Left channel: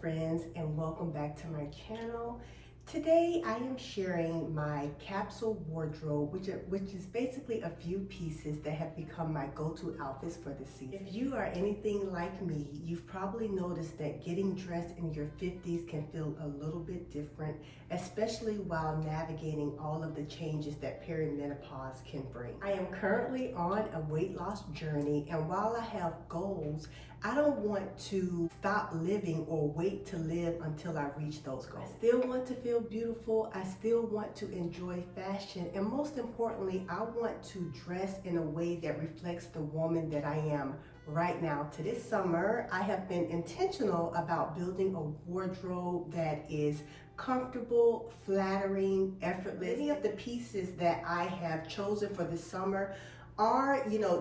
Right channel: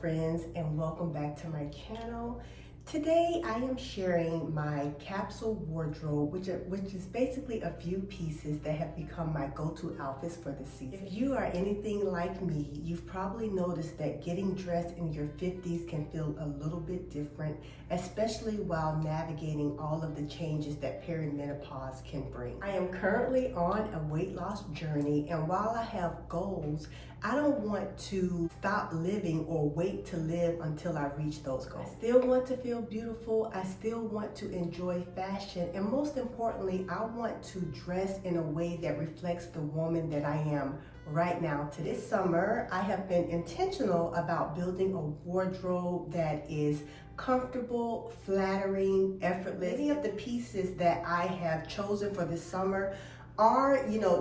friends, and welcome back to my channel. Today I am sharing my capsule wardrobe, which is basically a few pieces that have become my go-to outfits for the season. If you are anything like me, you've probably noticed that getting dressed in your 50s can feel a little bit different, especially while navigating all of the changes that perimenopause can bring. I am currently on a weight loss journey, and while I have goals, I don't want to stop living or wait to live until I reach those goals. I still want to feel beautiful. I still want to enjoy fashion. And most importantly, I want to dress in a way that reflects the woman that I am right now. To this summer, I have been intentional about building a wardrobe that is comfortable, flattering, effortless. Many of the pieces that I have chosen for this summer are,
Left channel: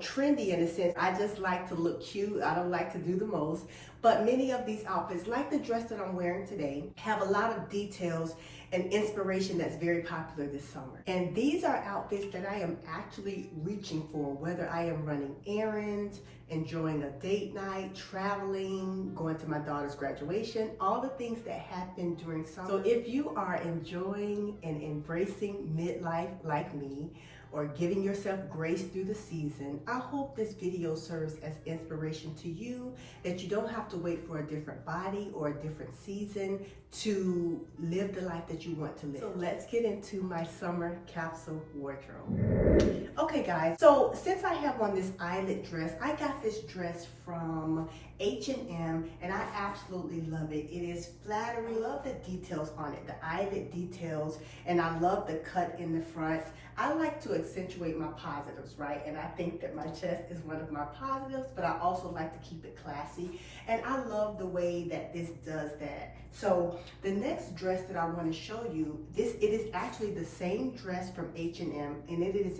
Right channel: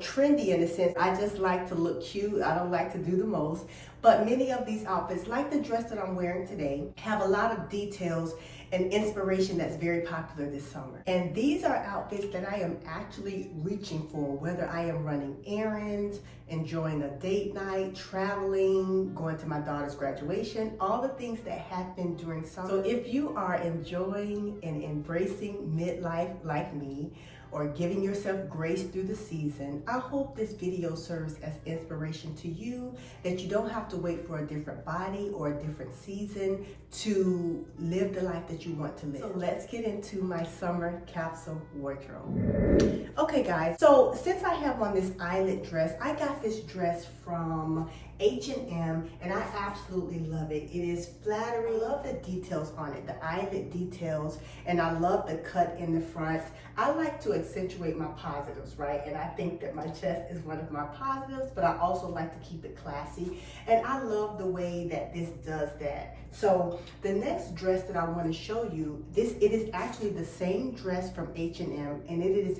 trendy in a sense. I just like to look cute. I don't like to do the most. But many of these outfits, like the dress that I'm wearing today, have a lot of details and inspiration that's very popular this summer. And these are outfits that I am actually reaching for, whether I am running errands, enjoying a date night, traveling, going to my daughter's graduation, all the things that happen during summer. So if you are enjoying and embracing midlife like me, or giving yourself grace through the season, I hope this video serves as inspiration to you, that you don't have to wait for a different body or a different season to live the life that you want to live. So let's get into my summer capsule wardrobe. Okay guys, so since I have on this eyelet dress, I got this dress from H&M and I absolutely love it. It is flattering. I love the details on it, the eyelet details, and I love the cut in the front. I like to accentuate my positives, right? And I think that my chest is one of my positives, but I also like to keep it classy. And I love the way that this does that. So the next dress that I want to show you, it is actually the same dress from H&M, and it is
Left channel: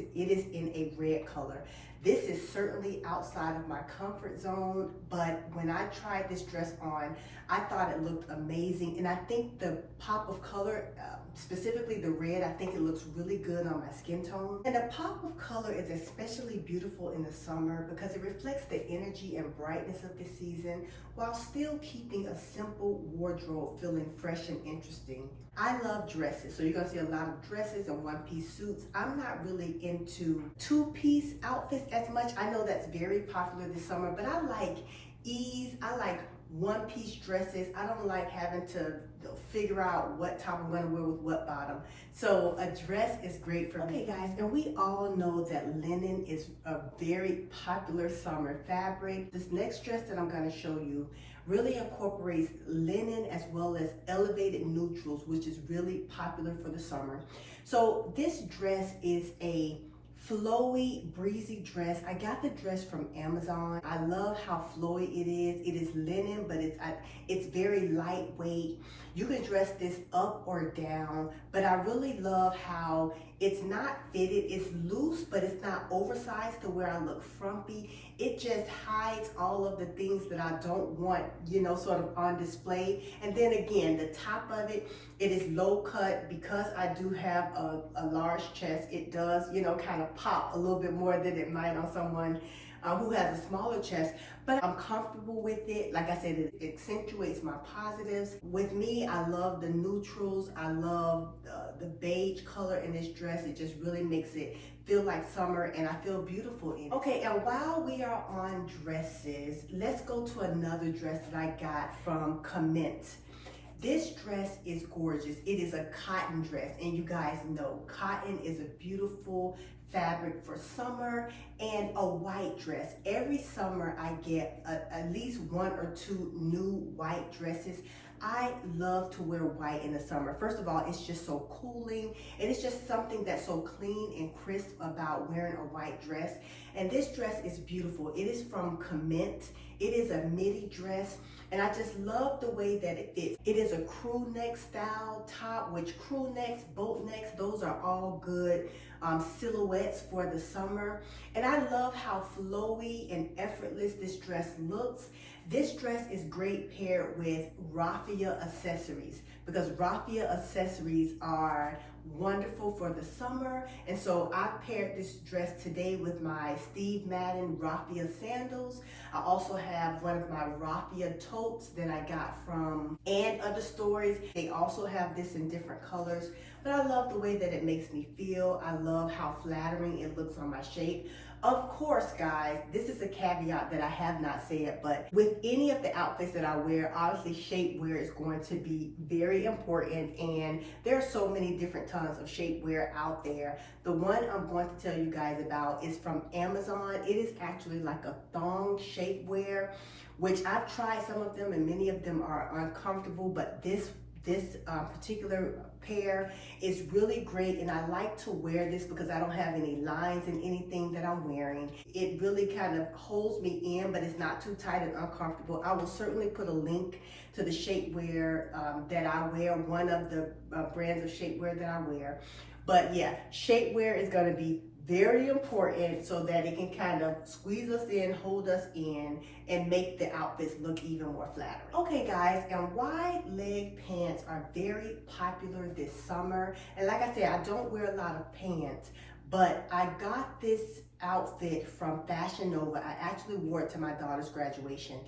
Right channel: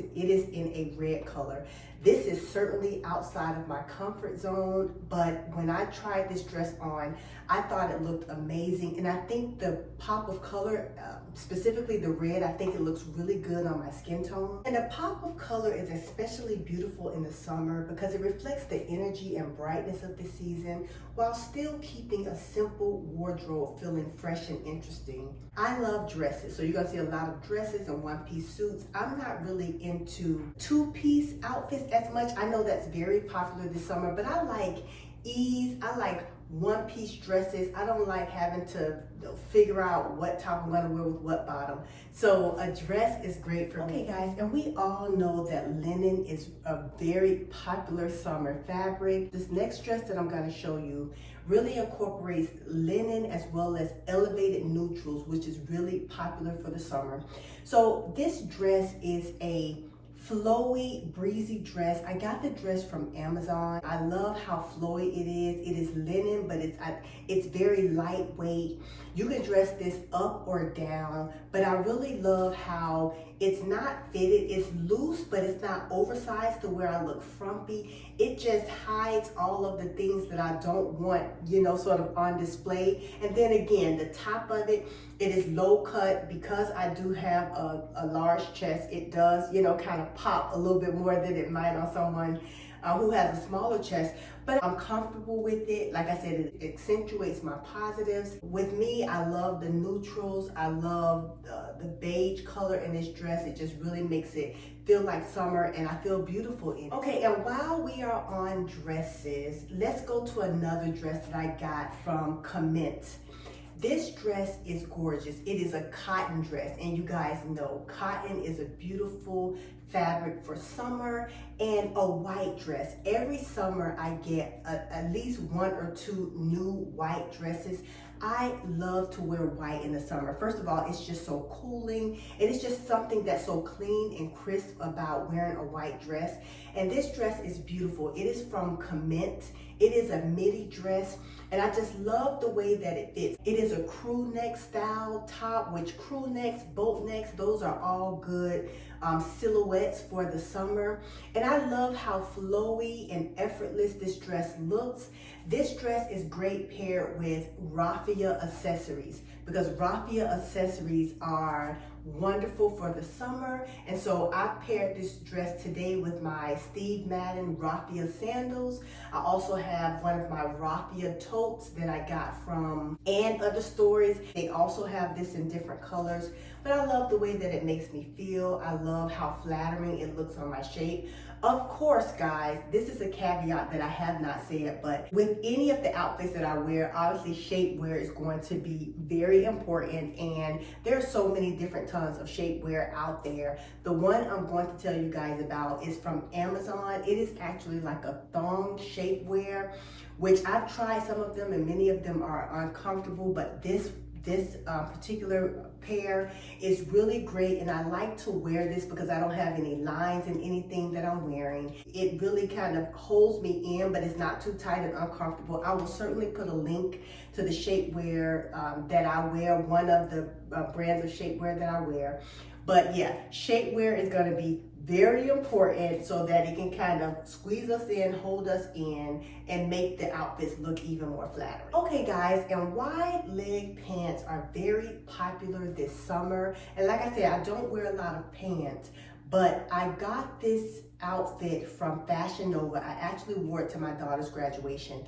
in a red color. This is certainly outside of my comfort zone, but when I tried this dress on, I thought it looked amazing. And I think the pop of color, specifically the red, I think it looks really good on my skin tone. And the pop of color is especially beautiful in the summer because it reflects the energy and brightness of the season while still keeping a simple wardrobe feeling fresh and interesting. I love dresses, so you're gonna see a lot of dresses and one-piece suits. I'm not really into two-piece outfits as much. I know that's very popular this summer, but I like ease. I like one-piece dresses. I don't like having to figure out what top I'm gonna wear with what bottom. So a dress is great for me. Okay guys, and we all know that linen is a very popular summer fabric. This next dress that I'm gonna show you really incorporates linen as well as elevated neutrals, which is really popular for the summer. So this dress is a flowy, breezy dress. I got the dress from Amazon. I love how flowy it is. It is linen, but it's very lightweight. You can dress this up or down, but I really love how it's not fitted. It's loose, but it's not oversized to where I look frumpy. It just hides all of the things that I don't want, sort of on display. And then again, the top of it is low cut. Because I do have a large chest, it does, kind of pop a little bit more than it might on someone who has a smaller chest, but I'm comfortable with it. Like I said, it accentuates my positives. With me, I love the neutrals. I love the beige color in this dress. It just really makes it feel like summer, and I feel beautiful in it. Okay, and while we are on dresses, let's go to another dress that I got from Cami. This dress is gorgeous. It is a cotton dress, and you guys know cotton is a beautiful fabric for summer, and a white dress. Every summer I get at least one or two new white dresses. I love to wear white in the summer. First of all, it's just so cooling, and it's just something that's so clean and crisp about wearing a white dress. And this dress is beautiful. It is from Cami. It is a midi dress, and I just love the way that it fits. It is a crew neck style top, which crew necks, boat necks, those are all good silhouettes for the summer. And I love how flowy and effortless this dress looks. This dress is great paired with raffia accessories, because raffia accessories are wonderful for the summer. And so I paired this dress today with my Steve Madden Raffia Sandals. I also have one of my Raffia totes that I got from and other stores. They also have this in different colors, but I love the way that it makes me feel. I love how flattering it looks on my shape. Of course, guys, this is a caveat that I have not said, but with any of the outfits that I wear, obviously shapewear is going to be very important, and there are so many different tons of shapewear out there. The one I'm going to tell you guys about is from Amazon. It is actually like a thong shapewear, which I've tried some of them and many of them are uncomfortable, but this particular pair is really great, and I like to wear this because I don't have any lines in anything that I'm wearing. It really kind of holds me in, but it's not too tight and uncomfortable. I will certainly put a link to the shapewear that I wear, one of the brands of shapewear that I wear. But yeah, shapewear is going to be very important so that it can kind of squeeze us in, hold us in, and make the outfits look even more flattering. Okay guys, and wide leg pants are very popular this summer. And like I said, I don't wear a lot of pants, but I got this outfit from Fashion Nova. I actually wore it to my daughter's graduation,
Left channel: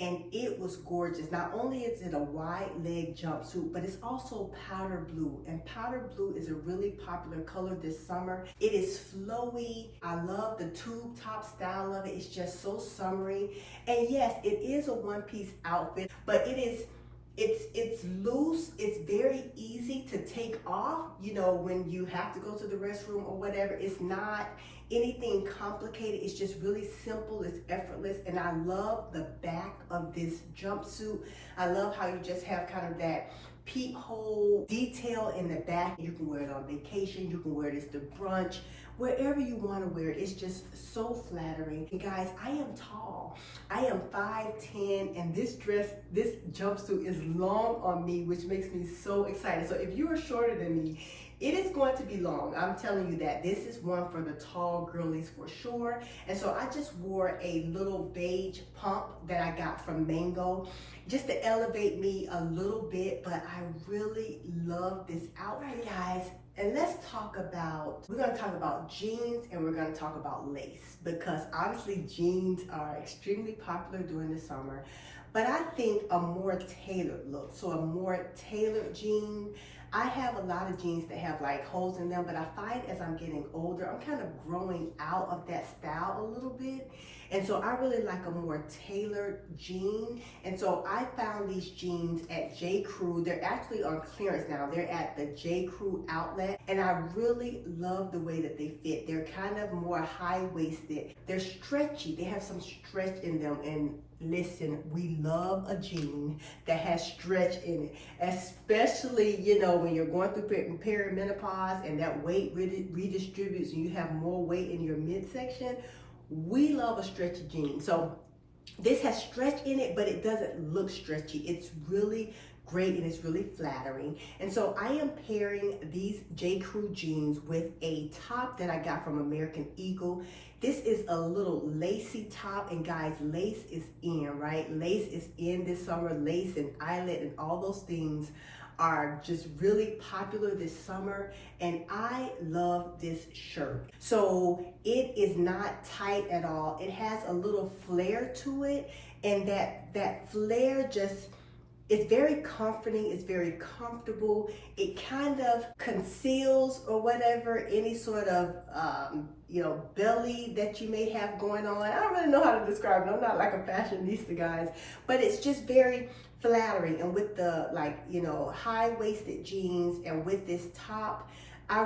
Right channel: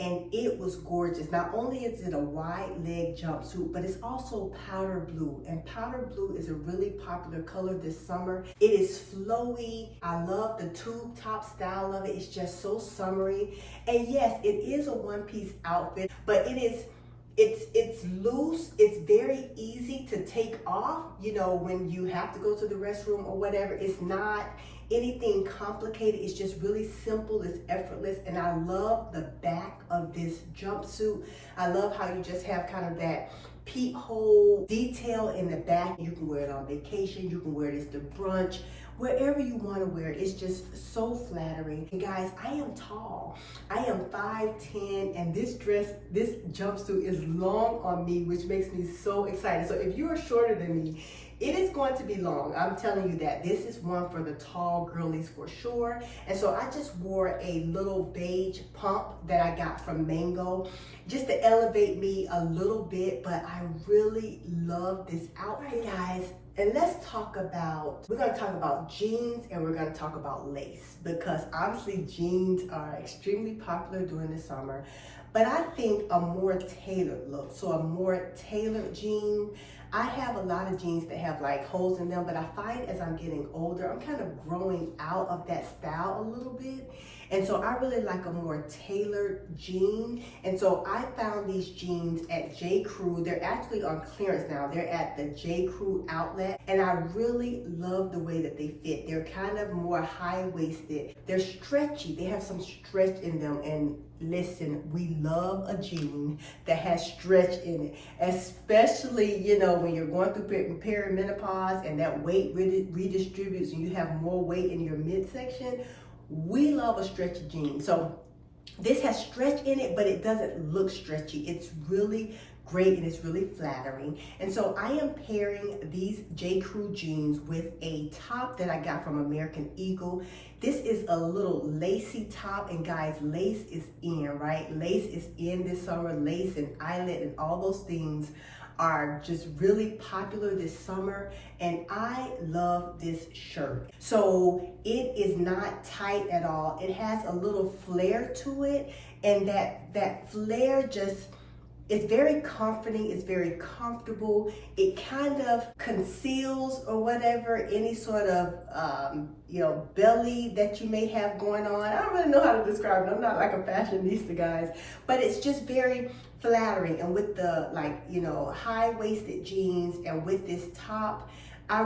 and it was gorgeous. Not only is it a wide leg jumpsuit, but it's also powder blue, and powder blue is a really popular color this summer. It is flowy. I love the tube top style of it. It's just so summery. And yes, it is a one-piece outfit, but it's loose. It's very easy to take off, you know, when you have to go to the restroom or whatever. It's not anything complicated. It's just really simple. It's effortless. And I love the back of this jumpsuit. I love how you just have kind of that peephole detail in the back. You can wear it on vacation. You can wear this to brunch. Wherever you want to wear it, it's just so flattering. And guys, I am tall. I am 5'10", and this jumpsuit is long on me, which makes me so excited. So if you are shorter than me, it is going to be long. I'm telling you that. This is one for the tall girlies for sure. And so I just wore a little beige pump that I got from Mango just to elevate me a little bit, but I really love this outfit, guys. And let's talk about, we're gonna talk about jeans and we're gonna talk about lace, because obviously jeans are extremely popular during the summer, but I think a more tailored look, so a more tailored jean. I have a lot of jeans that have like holes in them, but I find as I'm getting older, I'm kind of growing out of that style a little bit. And so I really like a more tailored jean. And so I found these jeans at J. Crew. They're actually on clearance now. They're at the J. Crew outlet. And I really love the way that they fit. They're kind of more high-waisted. They're stretchy. They have some stretch in them. And listen, we love a jean that has stretch in it, especially, you know, when you're going through perimenopause and that weight redistributes and you have more weight in your midsection. We love a stretchy jean. So this has stretch in it, but it doesn't look stretchy. It's really great and it's really flattering. And so I am pairing these J. Crew jeans with a top that I got from American Eagle. This is a little lacy top, and guys, lace is in, right? Lace is in this summer. Lace and eyelet and all those things are just really popular this summer, and I love this shirt. So it is not tight at all. It has a little flare to it, and that flare just, it's very comforting, it's very comfortable. It kind of conceals or whatever, any sort of, belly that you may have going on. I don't really know how to describe it. I'm not like a fashionista, guys, but it's just very flattering. And with the high-waisted jeans and with this top, I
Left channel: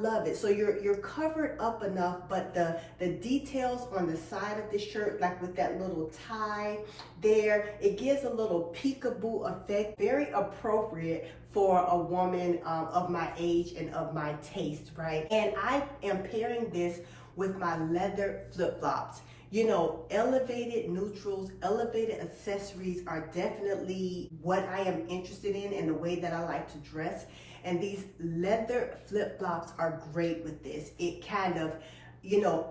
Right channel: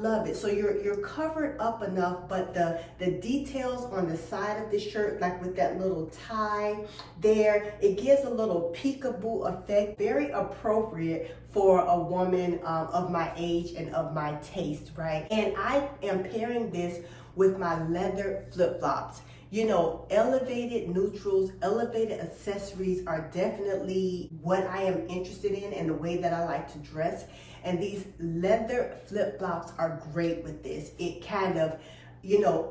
love it. So you're covered up enough, but the details on the side of the shirt, like with that little tie there, it gives a little peekaboo effect, very appropriate for a woman of my age and of my taste, right? And I am pairing this with my leather flip-flops. You know, elevated neutrals, elevated accessories are definitely what I am interested in and the way that I like to dress. And these leather flip-flops are great with this. It kind of,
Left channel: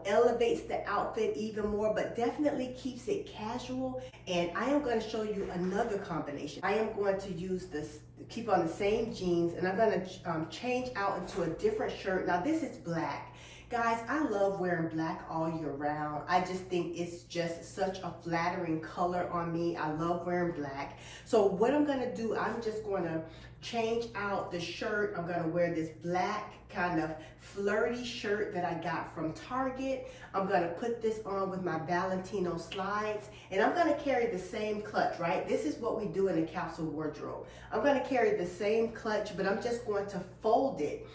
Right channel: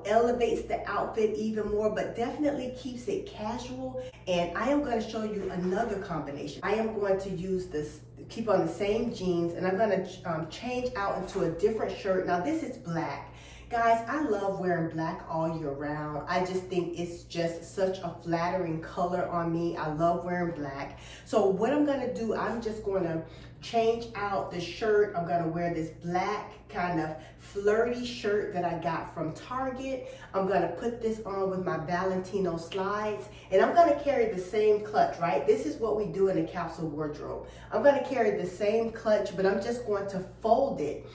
elevates the outfit even more, but definitely keeps it casual. And I am going to show you another combination. I am going to use this keep on the same jeans, and I'm gonna change out into a different shirt. Now this is black. Guys, I love wearing black all year round. I just think it's just such a flattering color on me. I love wearing black. So what I'm gonna do, I'm just gonna change out the shirt. I'm gonna wear this black kind of flirty shirt that I got from Target. I'm gonna put this on with my Valentino slides, and I'm gonna carry the same clutch, right? This is what we do in the capsule wardrobe. I'm gonna carry the same clutch, but I'm just going to fold it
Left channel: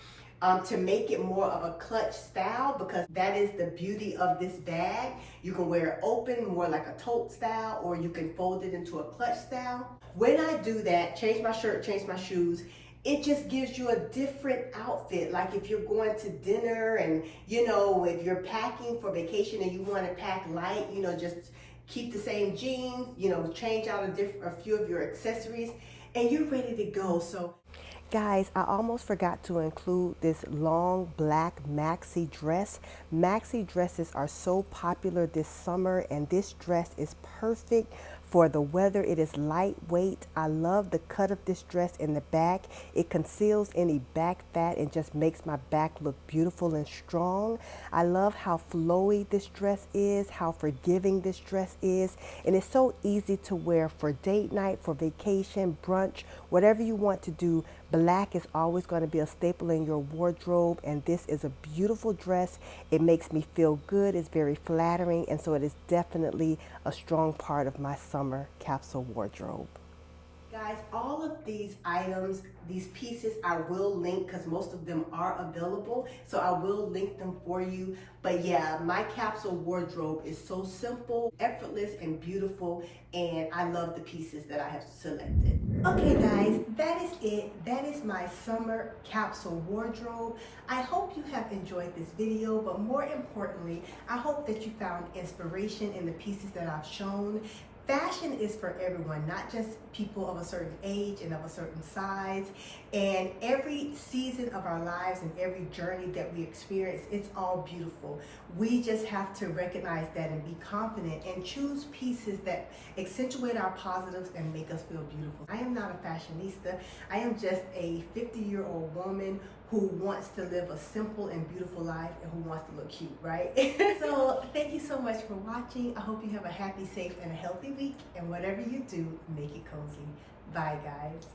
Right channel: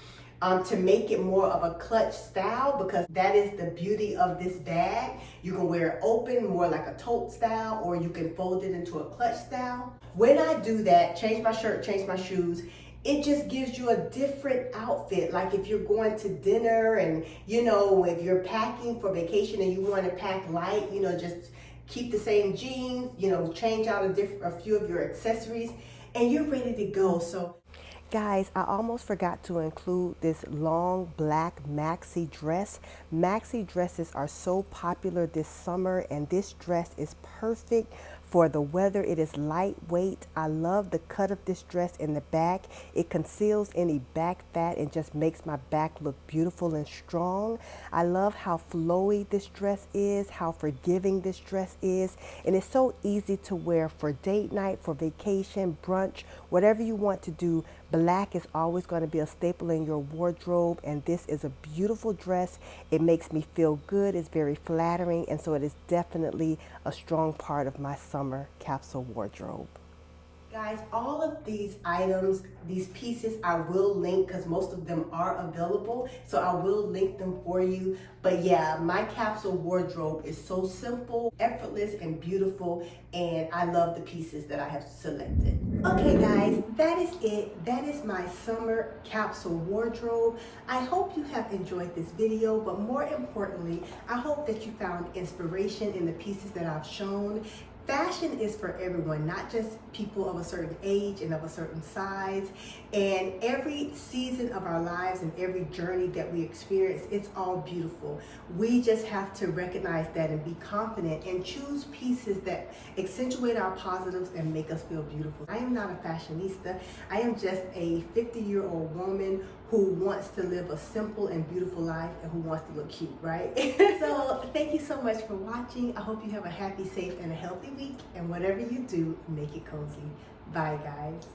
to make it more of a clutch style, because that is the beauty of this bag. You can wear it open, more like a tote style, or you can fold it into a clutch style. When I do that, change my shirt, change my shoes, it just gives you a different outfit. Like if you're going to dinner, and you know, if you're packing for vacation and you want to pack light, you know, just keep the same jeans, you know, change out a few of your accessories, and you're ready to go. So guys, I almost forgot to include this long black maxi dress. Maxi dresses are so popular this summer, and this dress is perfect for the weather. It is lightweight. I love the cut of this dress in the back. It conceals any back fat and just makes my back look beautiful and strong. I love how flowy this dress is, how forgiving this dress is, and it's so easy to wear for date night, for vacation, brunch, whatever you want to do. Black is always going to be a staple in your wardrobe, and this is a beautiful dress. It makes me feel good. It's very flattering, and so it is definitely a strong part of my summer capsule wardrobe. Guys, all of these items, these pieces, I will link because most of them are available. So I will link them for you. But yeah, my capsule wardrobe is so simple, effortless, and beautiful. And I love the pieces that I have selected. Okay guys, that is it. That is my summer capsule wardrobe. I hope you have enjoyed this video, but more importantly, I hope that you found inspiration in the pieces that I've shown. Fashion is for everyone, not just people of a certain age and of a certain size. And every season of our lives and every journey that we experience, it's all beautiful. We just have to recognize that and be confident and choose pieces that accentuate our positives and make us feel beautiful. I am not a fashionista. I am just a 50-year-old woman who wants to live a simple and beautiful life and who wants to look cute, right? So thank you so much for watching. I hope you have a happy, safe, and a healthy week. And whatever you do, make it cozy. Bye, guys.